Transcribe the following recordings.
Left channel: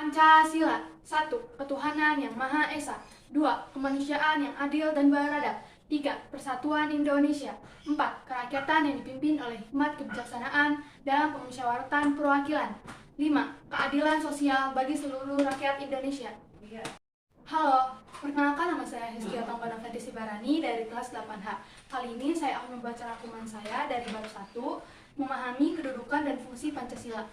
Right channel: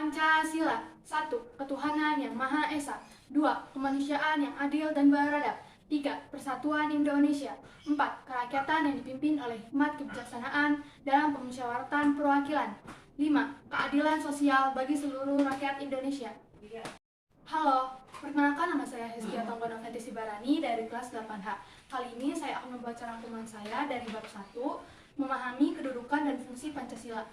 Pancasila. 1. Ketuhanan yang Maha Esa. 2. Kemanusiaan yang adil dan beradab. 3. Persatuan Indonesia. 4. Kerakyatan yang dipimpin oleh hikmat kebijaksanaan dalam pemusyawaratan perwakilan. 5. Keadilan sosial bagi seluruh rakyat Indonesia. Halo, perkenalkan nama saya Hestia Tonggona Fetisi Barani dari kelas 8H. Kali ini saya akan membaca rangkuman saya dari bab 1, memahami kedudukan dan fungsi Pancasila.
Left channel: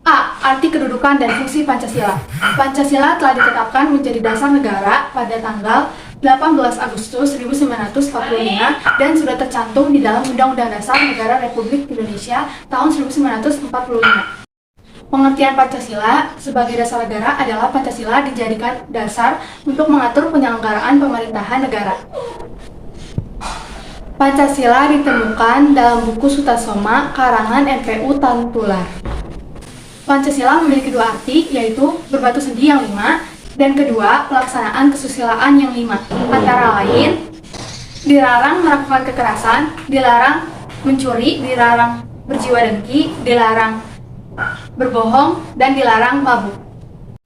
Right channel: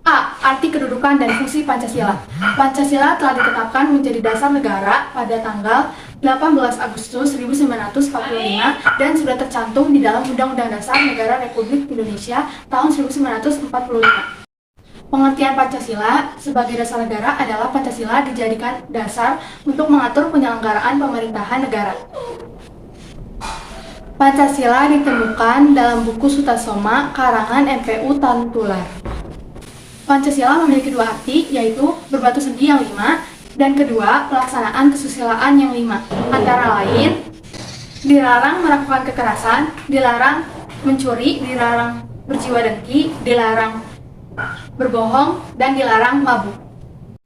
A. Arti kedudukan dan fungsi Pancasila. Pancasila telah ditetapkan menjadi dasar negara pada tanggal 18 Agustus 1945 dan sudah tercantum di dalam Undang-Undang Dasar Negara Republik Indonesia tahun 1945. Pengertian Pancasila sebagai dasar negara adalah Pancasila dijadikan dasar untuk mengatur penyelenggaraan pemerintahan negara. Pancasila ditemukan dalam buku Sutasoma karangan MPU Tantular. Pancasila memiliki dua arti, yaitu berbatu sendi yang 5, dan kedua, pelaksanaan kesusilaan yang 5. Antara lain, dilarang melakukan kekerasan, dilarang mencuri, dilarang berjiwa dengki, dilarang berbohong, dan dilarang mabuk.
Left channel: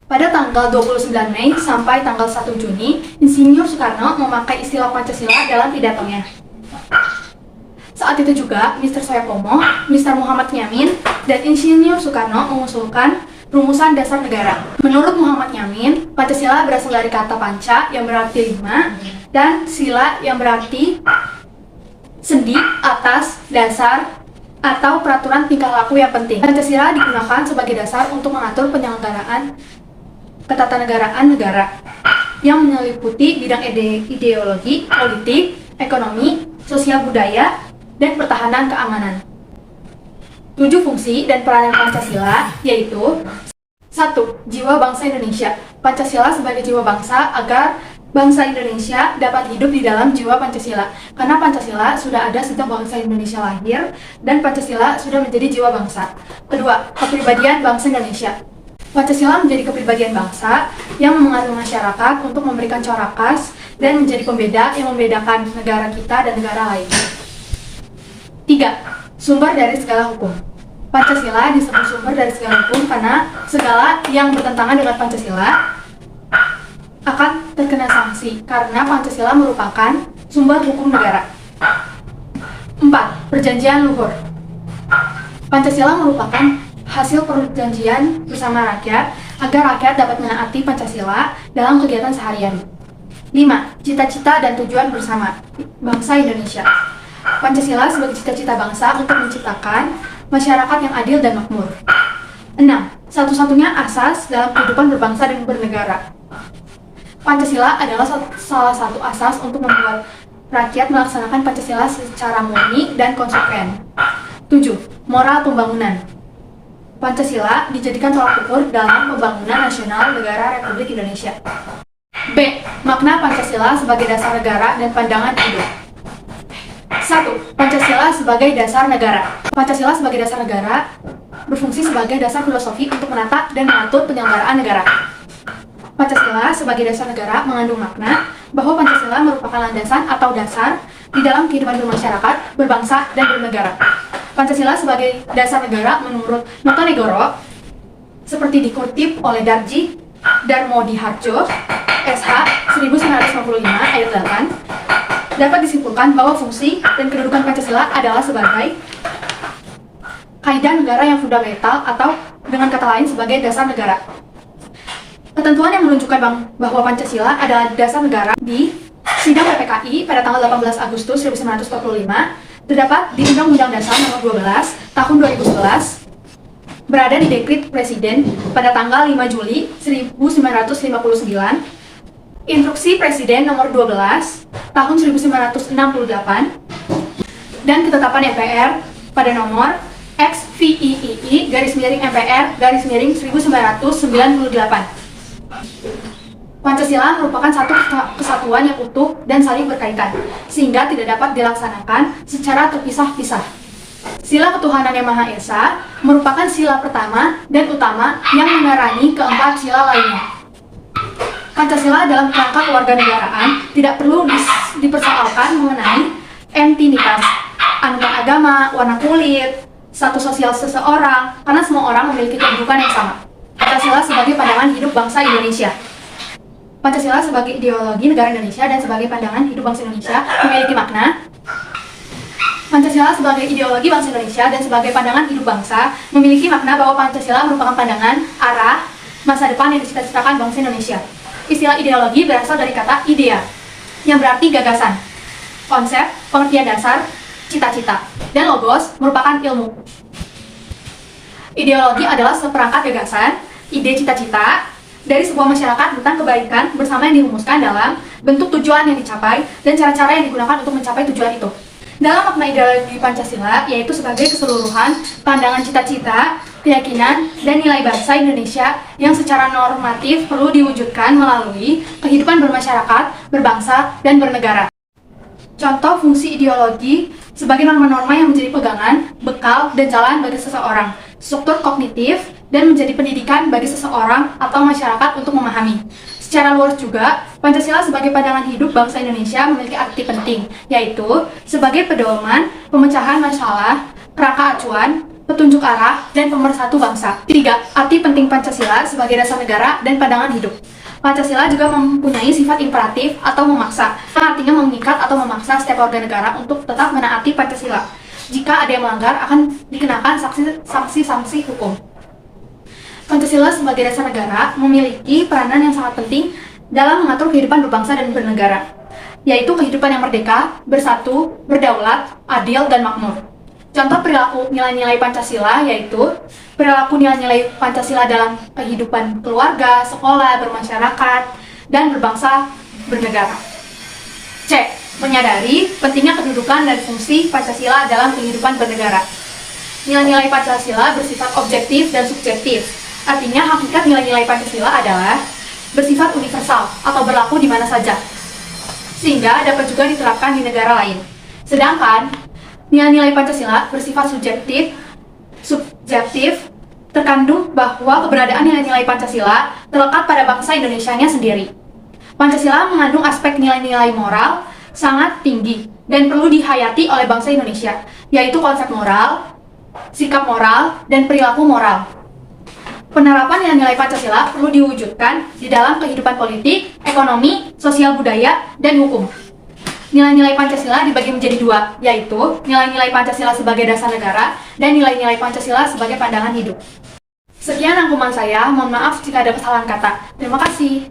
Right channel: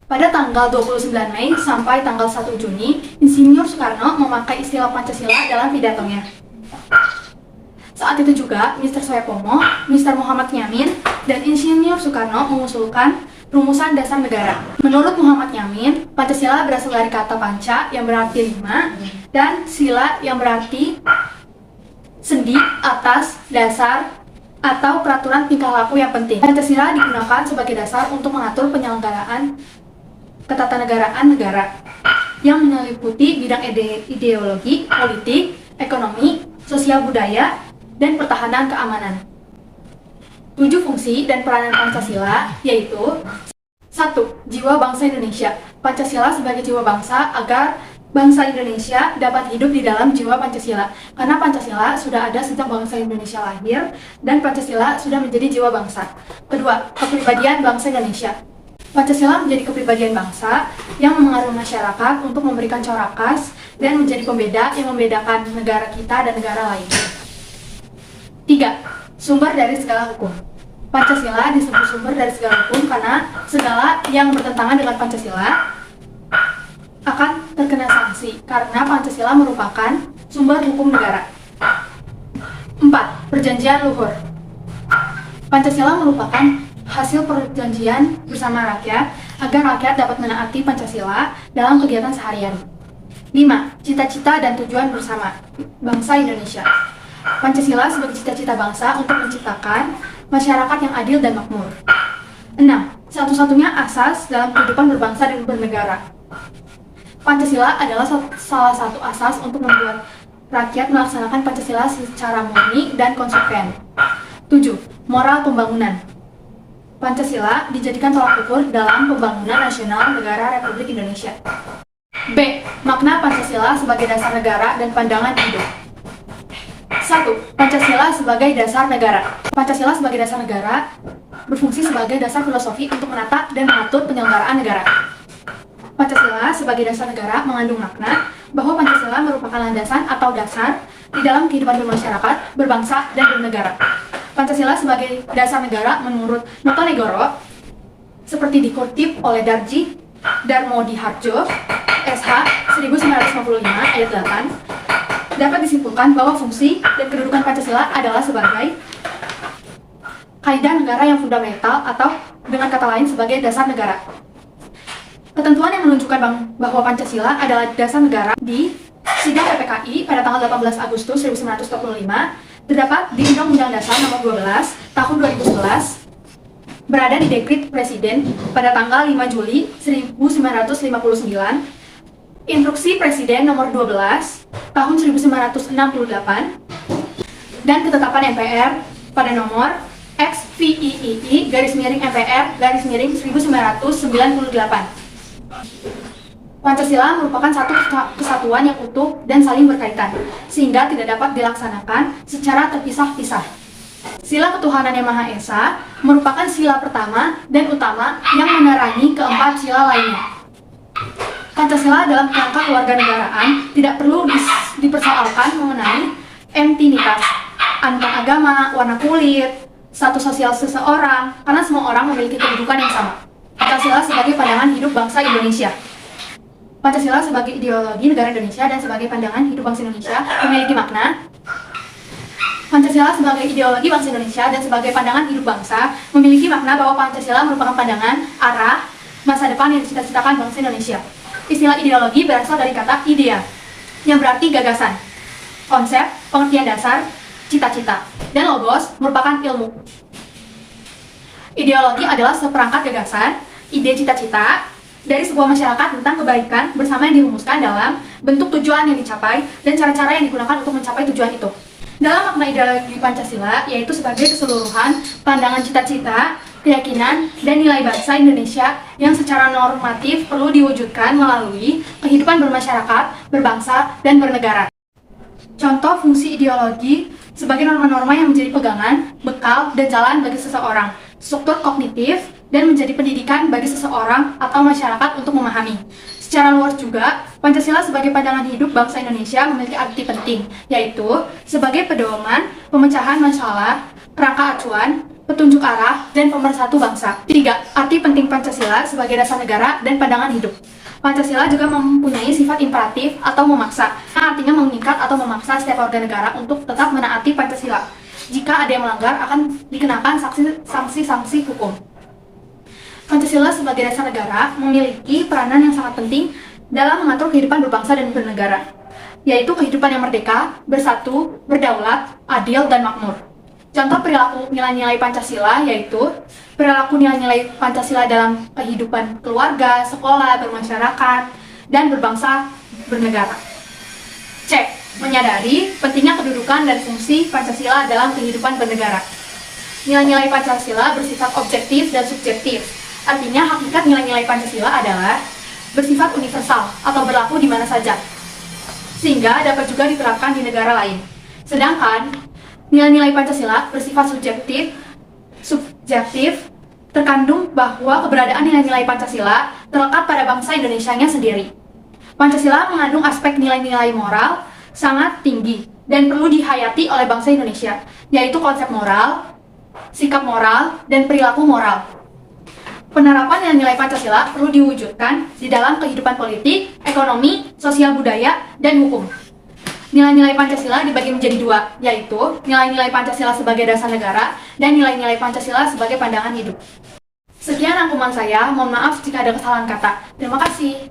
Pada tanggal 29 Mei sampai tanggal 1 Juni, Insinyur Soekarno memakai istilah Pancasila dalam pidatonya. Saat itu juga, Mr. Soepomo, Mr. Muhammad Nyamin, dan Insinyur Soekarno mengusulkan rumusan dasar negara. Menurut Muhammad Nyamin, Pancasila berasal dari kata panca yang berarti 5, dan sila yang berarti sendi, atas, dasar, atau peraturan tingkah laku yang penting. Pancasila digunakan sebagai dasar untuk mengatur penyelenggaraan ketatanegaraan negara yang meliputi bidang ideologi, politik, ekonomi, sosial budaya, dan pertahanan keamanan. 7 fungsi dan peranan Pancasila yaitu 1. Jiwa bangsa Indonesia. Pancasila sebagai jiwa bangsa agar bangsa Indonesia dapat hidup di dalam jiwa Pancasila. Karena Pancasila sudah ada sejak bangsa Indonesia lahir dan Pancasila sudah menjadi jiwa bangsa. Kedua, kepribadian bangsa Indonesia. Pancasila menjadi kepribadian bangsa yang mengatur masyarakat untuk memberikan corak khas dan menjadi pembeda yang membedakan negara kita dan negara lain. 3. Sumber dari segala hukum. Pancasila disebut sumber dari segala hukum karena segala yang bertentangan dengan Pancasila akan terkena sanksi karena Pancasila merupakan sumber hukum negara. 4. Perjanjian luhur. Pancasila merupakan hasil perjanjian bersama rakyat agar rakyat dapat menaati Pancasila dalam kegiatan seharian. 5. Cita-cita dan tujuan bersama bangsa Indonesia. Pancasila sebagai cita-cita bangsa untuk menciptakan masyarakat yang adil dan makmur. 6. Satu-satunya asas dalam kehidupan berbangsa dan bernegara. Pancasila adalah salah satu asas untuk membuat rakyat melaksanakan Pancasila secara murni dan konsekuen. 7. Moral pembangunan. Pancasila dijadikan tolak ukur dalam pembangunan nasional negara Republik Indonesia. B. Makna Pancasila sebagai dasar negara dan pandangan hidup. 1. Pancasila sebagai dasar negara. Pancasila sebagai dasar negara berfungsi sebagai dasar filosofi untuk menata dan mengatur penyelenggaraan negara. Pancasila sebagai dasar negara mengandung makna bahwa Pancasila merupakan landasan atau dasar di dalam kehidupan bermasyarakat, berbangsa, dan bernegara. Pancasila sebagai dasar negara menurut Notonegoro seperti dikutip oleh Darji Darmodihardjo SH 1955 ayat 8 dapat disimpulkan bahwa fungsi dan kedudukan Pancasila adalah sebagai kaidah negara yang fundamental atau dengan kata lain sebagai dasar negara. Ketentuan yang menunjukkan bahwa Pancasila adalah dasar negara di Sidang PPKI pada tanggal 18 Agustus 1945 terdapat di Undang-Undang Dasar Nomor 12 Tahun 2011, berada di Dekrit Presiden pada tanggal 5 Juli 1959, Instruksi Presiden Nomor 12 Tahun 1968, dan ketetapan MPR pada nomor XVIII/MPR/1998. Pancasila merupakan satu kesatuan yang utuh dan saling berkaitan, sehingga tidak dapat dilaksanakan secara terpisah-pisah. Sila ketuhanan yang Maha Esa merupakan sila pertama dan utama yang menerangi keempat sila lainnya. Pancasila dalam kerangka kewarganegaraan tidak perlu dipersoalkan mengenai entinitas, antar agama, warna kulit, status sosial seseorang, karena semua orang memiliki kedudukan yang sama. Pancasila sebagai pandangan hidup bangsa Indonesia. Pancasila sebagai ideologi negara Indonesia dan sebagai pandangan hidup bangsa Indonesia memiliki makna. Pancasila sebagai ideologi bangsa Indonesia dan sebagai pandangan hidup bangsa memiliki makna bahwa Pancasila merupakan pandangan, arah, masa depan yang dicita-citakan bangsa Indonesia. Istilah ideologi berasal dari kata idea, yang berarti gagasan, konsep, pengertian dasar, cita-cita, dan logos merupakan ilmu. Ideologi adalah seperangkat gagasan, ide cita-cita dari sebuah masyarakat tentang kebaikan bersama yang dirumuskan dalam bentuk tujuan yang dicapai dan cara-cara yang digunakan untuk mencapai tujuan itu. Dalam makna ideologi Pancasila, yaitu sebagai keseluruhan pandangan cita-cita, keyakinan, dan nilai bangsa Indonesia yang secara normatif perlu diwujudkan melalui kehidupan bermasyarakat, berbangsa, dan bernegara. Contoh fungsi ideologi sebagai norma-norma yang menjadi pegangan, bekal, dan jalan bagi seseorang, struktur kognitif, dan menjadi pendidikan bagi seseorang atau masyarakat untuk memahami. Secara luas juga, Pancasila sebagai pandangan hidup bangsa Indonesia memiliki arti penting, yaitu sebagai pedoman, pemecahan masalah, kerangka acuan, petunjuk arah, dan pemersatu bangsa. 3. Arti penting Pancasila sebagai dasar negara dan pandangan hidup. Pancasila juga mempunyai sifat imperatif atau memaksa, artinya mengikat atau memaksa setiap warga negara untuk tetap menaati Pancasila. Jika ada yang melanggar, akan dikenakan sanksi hukum. Pancasila sebagai dasar negara memiliki peranan yang sangat penting dalam mengatur kehidupan berbangsa dan bernegara, yaitu kehidupan yang merdeka, bersatu, berdaulat, adil, dan makmur. Contoh perilaku nilai-nilai Pancasila yaitu perilaku nilai-nilai Pancasila dalam kehidupan keluarga, sekolah, bermasyarakat, dan berbangsa bernegara. C. Menyadari pentingnya kedudukan dan fungsi Pancasila dalam kehidupan bernegara. Nilai-nilai Pancasila bersifat objektif dan subjektif. Artinya, hakikat nilai-nilai Pancasila adalah bersifat universal atau berlaku di mana saja, sehingga dapat juga diterapkan di negara lain. Sedangkan nilai-nilai Pancasila bersifat subjektif, terkandung bahwa keberadaan nilai-nilai Pancasila terlekat pada bangsa Indonesianya sendiri. Pancasila mengandung aspek nilai-nilai moral sangat tinggi dan perlu dihayati oleh bangsa Indonesia, yaitu konsep moral, sikap moral, dan perilaku moral. Penerapan nilai-nilai Pancasila perlu diwujudkan di dalam kehidupan politik, ekonomi, sosial budaya, dan hukum. Nilai-nilai Pancasila dibagi menjadi dua, yaitu nilai-nilai Pancasila sebagai dasar negara dan nilai-nilai Pancasila sebagai pandangan hidup. Sekian rangkuman saya, mohon maaf jika ada kesalahan kata. Terima kasih.